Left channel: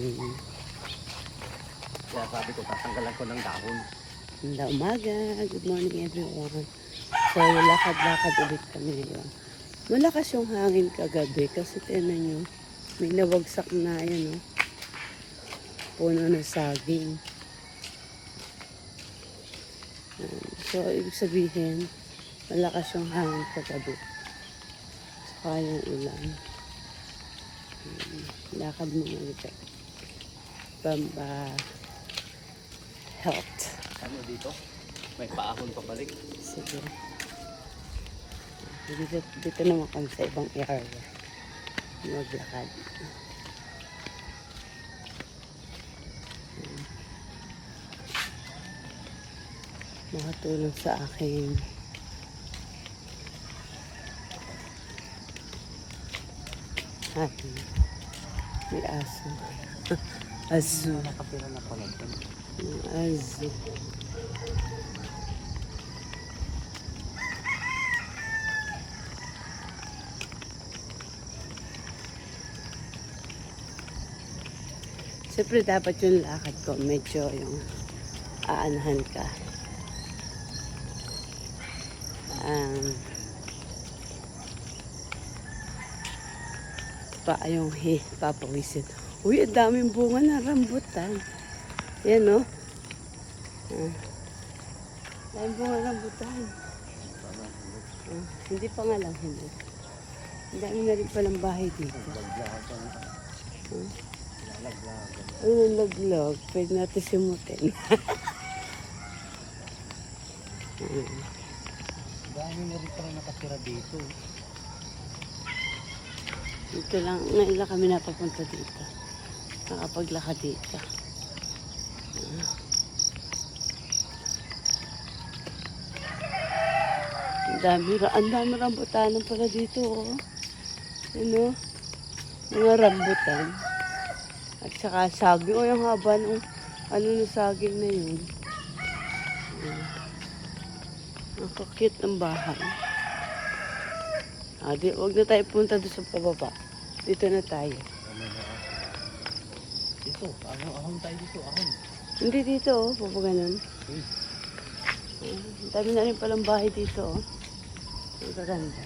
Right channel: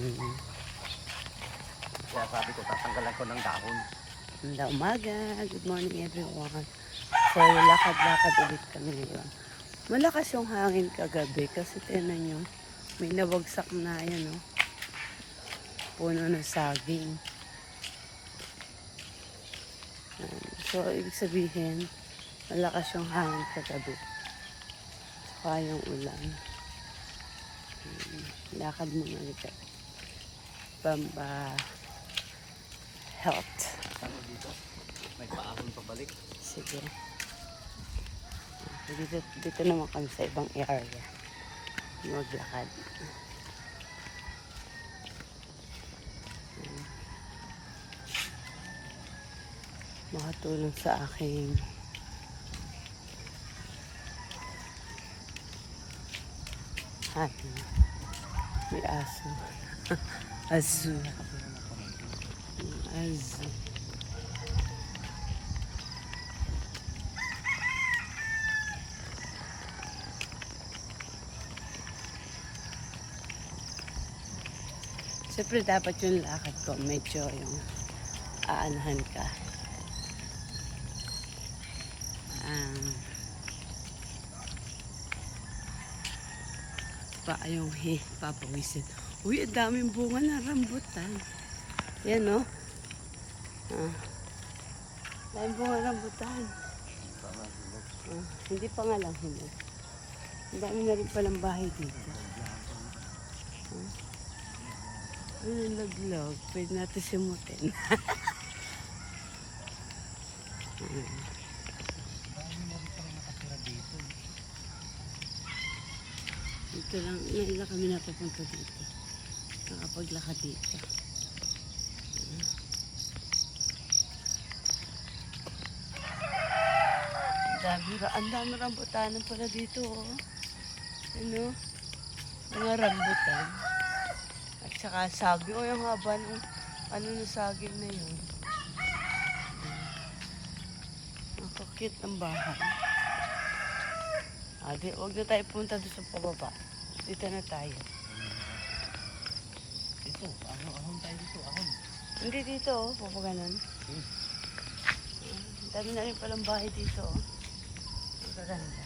Mm. Kaya sabi ko, tatanggalan ko ng dahon. Handa umaga. Good morning everyone. So, lakad-lakad ulit kami. Diba? Malakas yung hangin kagabi kasi tinan nyo, may nawagsak na yan, no? Puno ng saging. So, ibig sabihin, malakas yung hangin kagabi. Saka yung ulan. Lakad muna ulit. Pamba health. Ano dito? May paahon pabalik. Sige. Dito naman kami sa ibang area. Maglakad. Makatulong sa aking hati. May aso. Azu. Nakapira na ko lang. Azu. Siyempre dapat yung lakad ko medyo yung aanahan ka. Pa yung papawisin. Uy, ang daming bunga na rambutan. Yan, no? Daming bunga rambutan. Hindi pa nga lang huli. Ang dami na rin palang bahay dito. Ano laglag? Pwede natin simutin. Dami na rin pala nakatira dito. Dito lang, ngayon lang kami napapunta dito. Nakapaglakad dito. Ang dami rambutanan pala dito, oh. Ano? Mga rambutan. At saka saging, oh, yung haba ng ano na saging na yun. Ang cute ng bahay. Huwag na tayo punta doon sa pababa. Dito na tayo. Dito, ahon tayo dito, ahon. Hindi dito, oh. Baba ganun. Dami na rin palang bahay dito, oh. Ang gaganda.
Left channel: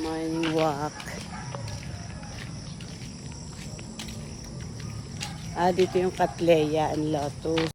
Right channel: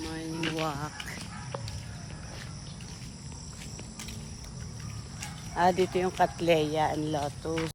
Morning walk. Dito yung Catleya and Lotus.